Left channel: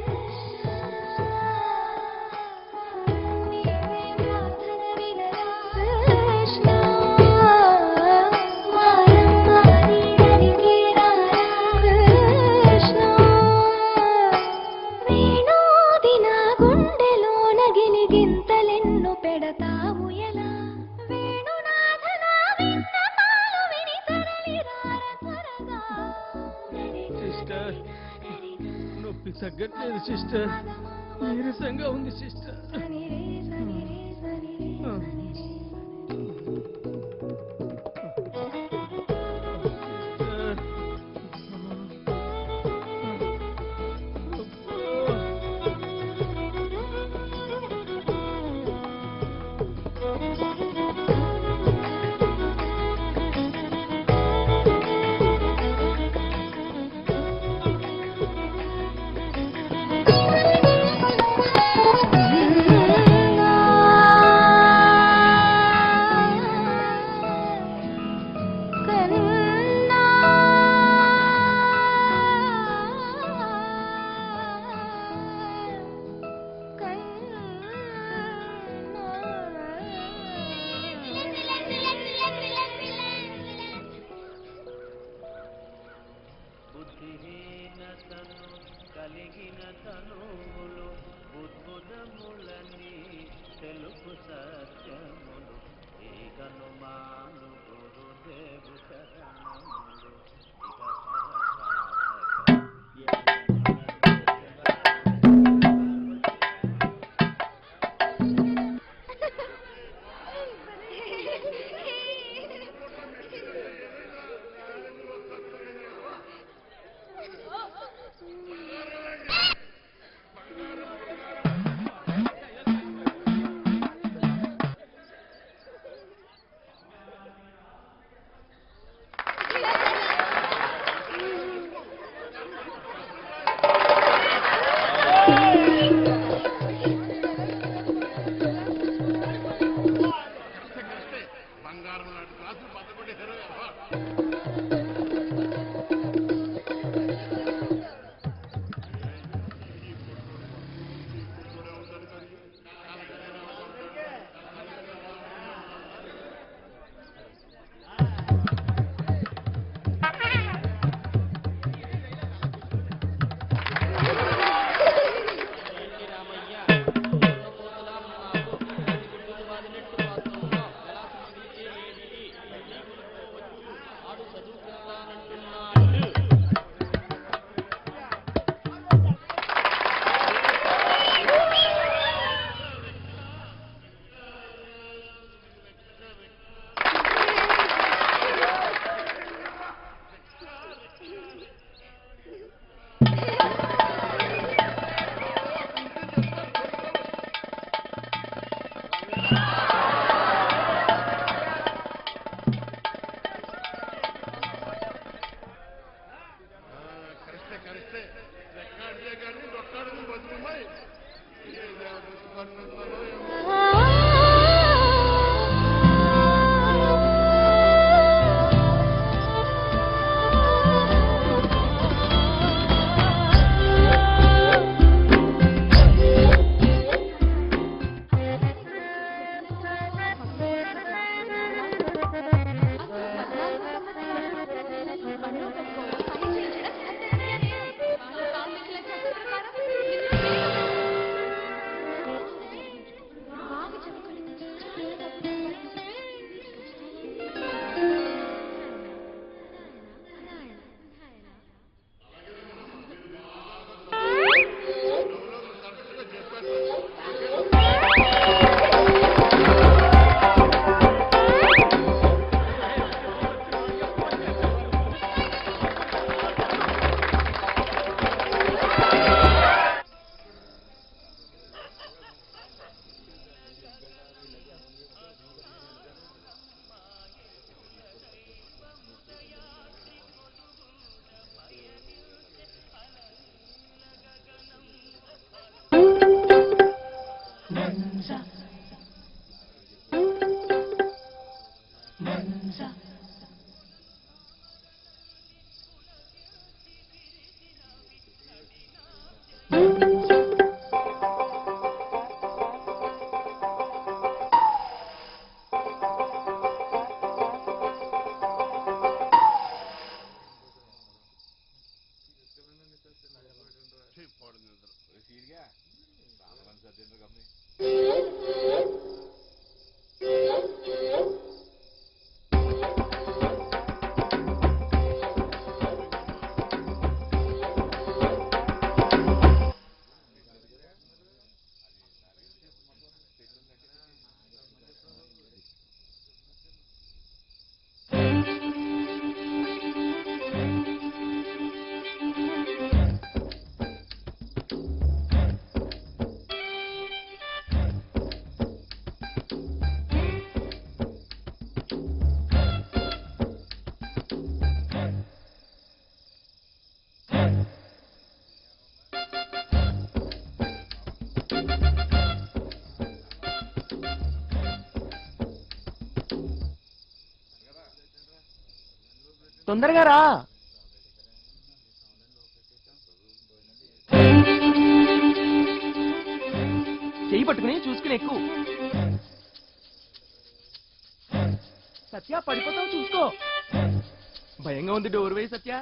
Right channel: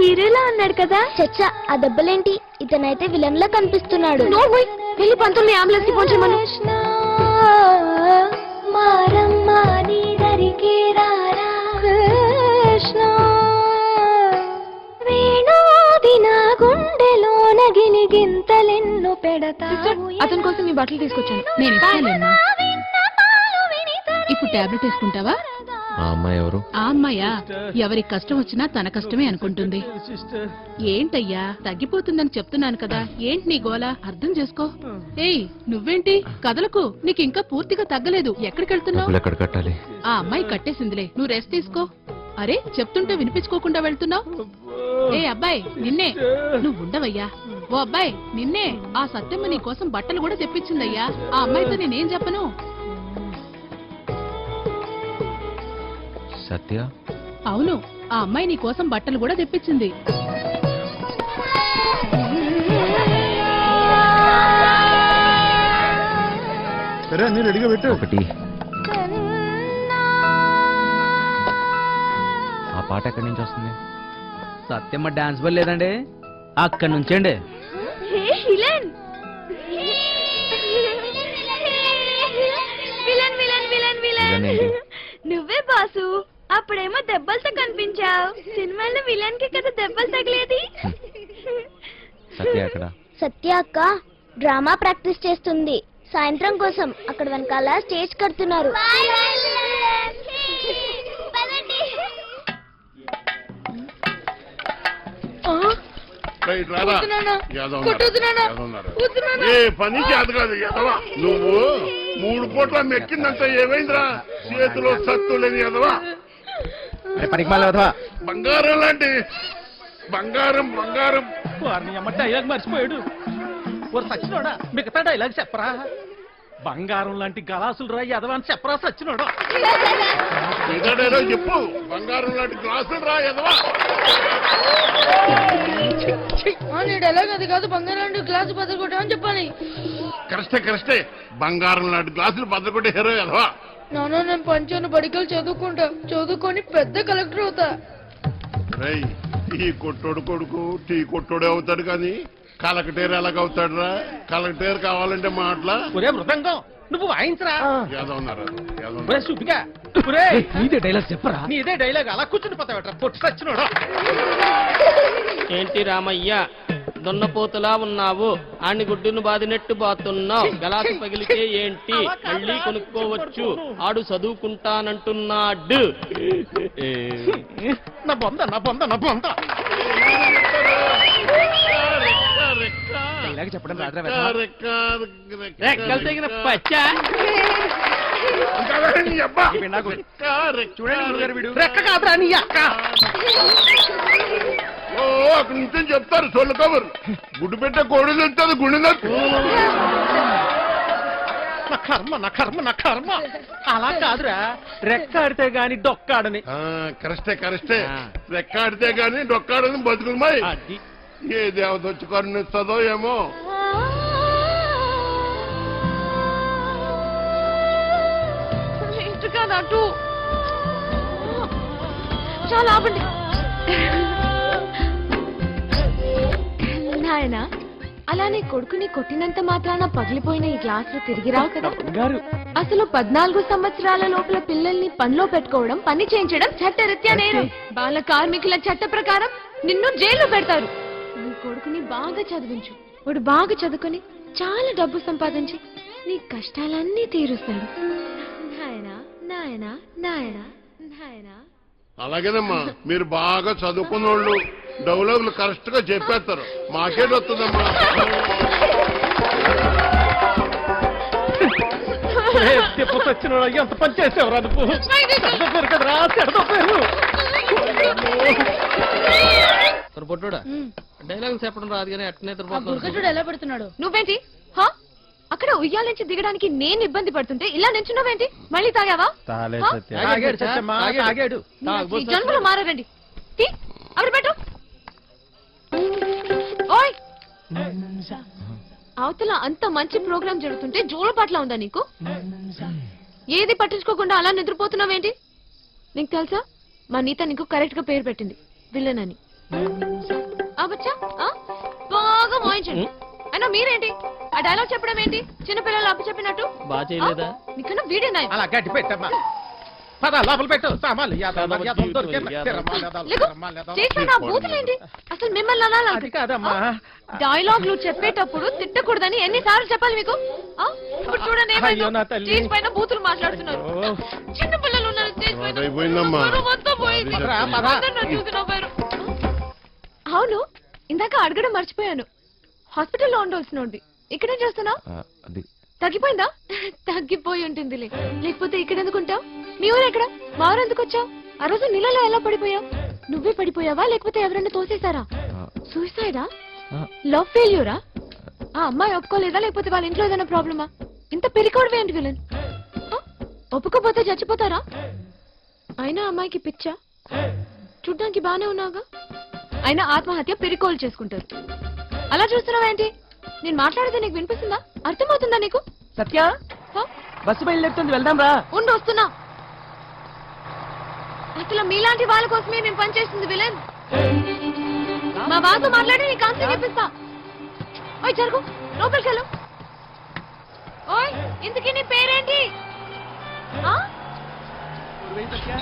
హీరోలా ఉన్నాడు కదా. చచ్చా, ఆ దెబ్బలేంటి? ఇతనైతే విలన్ లా కనిపిస్తున్నాడు. వెళ్ళి పంతుల్ని అంబులెన్స్ పోంచమని. అతని కోసం నీ బట్టలు తీసుకొచ్చాను. నేను ఇస్తాను. ఇప్పుడు టాబ్లెట్ తీసుకుంటావా? ఆ అమ్మాయి ఎవరు? ఆ అమ్మాయా? ఎవరికి కష్టం వచ్చినా తన కష్టమే అనుకుంటుంది. ఏంటయ్యా, తగ్గిపోతుందని చెప్తున్నాను కదా. ఏంటి నీ గోల? అర్థం చేసుకో. ఏయ్, నువ్వేంటి కదలకు? నీకు ఇంకా పూర్తిగా తగ్గలేదు. ఎక్కడికి వెళ్తున్నావు? ఎక్కడ కట్టాలి? ఆ అమ్మాయి కట్టేసిందిలే, నువ్వు రెస్ట్ తీసుకో. అరే, చెప్తుంటే వినిపించుకోకుండా వెళ్తున్నావు. ఏ అబ్బాయి, నిన్నే. నువ్వు ఉండవయ్యా. ఓ అబ్బాయి, నిన్నే. ఆ సత్యమ్మ నీ కోసం బట్టలు కూడా తెప్పించిందయ్యా. ఆ అమ్మాయితో నేనేం చెప్పను. సత్య? అవును, ఆ అమ్మాయి నీ కోసం బట్టలు కూడా తెప్పించింది. ఒకటి. ఆ పాట ఎక్కడి నుంచి వస్తుంది? సత్యమ్మ డాన్స్ బల్ లేదండి, అక్కడి నుంచండి. నువ్వే బాసు. అప్పుడేమో దెబ్బలతో కనిపించావు. సినిమాలో విలన్ కి కదా దెబ్బలు తగిలేది. సత్య అక్కడ? సత్య అక్క డ్రామా ప్రాక్టీస్ చేస్తుంది. సాయంత్రం కోసం అక్కడ వెనకాల స్టేజ్ కడుతున్నారు. పని చేత కాదు ఎదవా నువ్వు. 3 పూట్ల మెక్కిందంతా ఏమైందిరా? చేతిలో సత్తు లేని ఎదవా. బంగారం లాంటి బంగారం బంగారం. డైలాగ్ మర్చిపోయాడు. సచ్చినోడా, మిగతా డైలాగ్ చెప్పరా? బంగారం లాంటి గలాసులు రా ఎదవా అని చెప్పరా సచ్చినోడా? చెప్పు. బంగారం లాంటి గ్లాసులు రా ఎదవా. కరెక్టే. బంగారం లాంటి గ్లాసులు బద్దకొట్టే హీరో ఎదవా. నేను పంచాను బడికలు చదువుకొని పెద్ద కలెక్టర్ అవుతా. ఈ కొట్టోడు కొడుకు టీ కొట్టోడే అవుతాడు కానీ కలెక్టర్ ఎలాగవుతాడు రా? కలెక్టర్ కావాలంటే మాటలా? మృదంగం నువ్వు వాయించరా. డైలాగ్ చెప్పరా? నీదే డైలాగ్ అలా కూర్చుని పోతావట్రా పొట్టు సచ్చినోడా. ఏంటి రామయ్య, దొన్నపోతులా ఉన్నావు. ఆని గుడ్డును బాదినట్టు బాతున్నావు. గలాసు పగిలితే ఏంటి, మళ్ళీ కొనుక్కోవచ్చు. ఆడు చదువుకుంటానంటున్నాడు. నా బొంద చెప్పడం రెక్కలు తెగిన పచ్చా. రెక్క కాదురా నీ అక్క. నిత్యం చెప్తారు సొల్లు కబురు. గుడ్డు పెట్టే కోడి తెస్తుంది గుండె నా కర్మ. అలా కాదురా, రెక్కాడితే గాని డొక్కాడని. కరెక్టే. రెక్కాడితే గాని డొక్కాడని బతుకున్నాయి. ఏ దేవత వచ్చి కరుణిస్తుందో ఏమో. అలానే కొడుకుని కొట్టినంత మాత్రాన పగిలిపోయిన ఈ గ్లాసులు తిరిగి రావు కదా. అసలు 14 సంవత్సరాల లోపల పిల్లల్ని పనిలో పెట్టుకోవడం, పని చేయించడం చట్టరీత్యా నేరం. బాల కార్మికుల చట్ట ప్రకారం నిన్ను జైల్లో పెడతారు. నీ కొడుకుని బాగా చదివించు. వాడు బాగా చదువుకొని చాలా డబ్బు సంపాదించి నీ కష్టాలన్నీ తీరుస్తుంది. అలాగేనమ్మా, మీరు బాగా చదువుకున్న వాళ్ళు డౌలర్లు కరెక్ట్ గా చెప్పేస్తారు. మాకేట్ వస్తుందమ్మా. ఎంత పని చేసేవరా? పొట్టుడా డైలాగ్ చెప్పడం రాదు కానీ అట్నే ఎలా పెడుతున్నాడు? నువ్వేంటి అక్కడ ఉయ్యాల నుంచి దిగడానికి నేను ఇబ్బంది పడుతుంటే ఇలా నించున్నావేంటి? మళ్ళీ తాగావా? జన్మలు మారారండి. అవి పెట్టు. ఓయ్, అవతల అంత మంచి ప్రోగ్రామ్ జరుగుతుంటే జోలపాట్లా ఉందా నీకు? ఏది పట్టించుకోకుండా అలా నిద్రపోతున్నావేంటి? నీకు తెలుసా, మా నీత నీకు కరెక్ట్ గా పేరు పెట్టింది, విలన్ అని. ఆగొచ్చా? ఆ? బాగా మోయించండి. అయినా మీరేంటి ఆ డైలాగ్ చెప్పడం ఏంటి? చిన్నపిల్లలు అప్పు చెప్పినట్టు. బాగా చేయలేదా? నీకన్నా వీడే నాయ. అలా గట్టి పెట్టమ్మా. పద లోపల పెట్టు సామాన్లు యాదవ యాదవ దొరికేది. తిరమాలి యాదవ, లేకు. తిరమాలి యాదవ. చేసిన బూతులేంటి? అసలు మిమ్మల్ని అనాలా? అది కాదమ్మా. డైలాగ్లు చెప్పేటప్పుడు తిట్టకూడదని ఎన్నిసార్లు చెప్పాలి మీకు? ఆ? ఇప్పుడు చూడండి అయ్యో నా తల్లి. స్టేజ్ పైన బూతులు మాట్లాడుతున్నారు. ఓ. చిన్న పిల్లలు ఉన్నారు స్టేజ్ పైన. అయిపోయిందమ్మా. పరువు మొత్తం పోయింది. రా, పద. అందరూ నన్ను చూసి నవ్వారు. అవును, ఇందాక అడగడం మర్చిపోయాను. హాస్పిటల్లో ఉండవలసినోడివి ఇక్కడే చేస్తున్నా? అది తగ్గిపోయిందా? తగ్గిపోయి ఉంటుందిలే. లేకపోతే ఇక్కడ ఎందుకుంటావు? నీ ఊరు ఎక్కడ? వారు ఎందుకు వచ్చావు? ఆ రోజు నీళ్ళలో ఎలా పడిపోయావు? నువ్వే పడిపోయావా లేకపోతే ఎవరైనా తోసేశారా? సూసైడా? లవ్ ఫెయిల్యూరా? ఆ అమ్మాయి ఒప్పుకోలేదా లేకపోతే వాళ్ళ ఇంట్లో ఏదైనా ప్రాబ్లమా? ఇంత పెరికోవడం ఏంటి విలన్? ఒప్పుకోపోతే చచ్చిపోతారా? అయినా అమ్మాయికి పిచ్చా? చూడ్డానికి బానే ఉన్నావుగా. అయినా ఆత్మహత్య పెరికోలు చేసుకుంటారు. అలా చూస్తున్నావేంటి? నేను మాట్లాడితే నీకు వినిపిస్తుందా? అర్థమవుతుందా నీకు? సత్య హ? బస్సు బయలుదేరుతుంది, వెళ్దాం రా. ఉండు వస్తున్నా. తొందరగా రా. అసలు మీలాంటి వాళ్ళ కోసమే నేను పనిచేస్తుంది విలన్. మా బాతో మాట్లాడి నీ కాన్సెప్ట్ ఇప్పిస్తా. చెయ్యి పట్టుకుని చూసుకుని ఓయ్ జరుగు, లోపలికెళ్ళు. ఓయ్ ఇంతకీ నీ పేరేంటి? చూసుకో. ఆ? భయంగా ఉంది, డోర్ వేయి సత్య.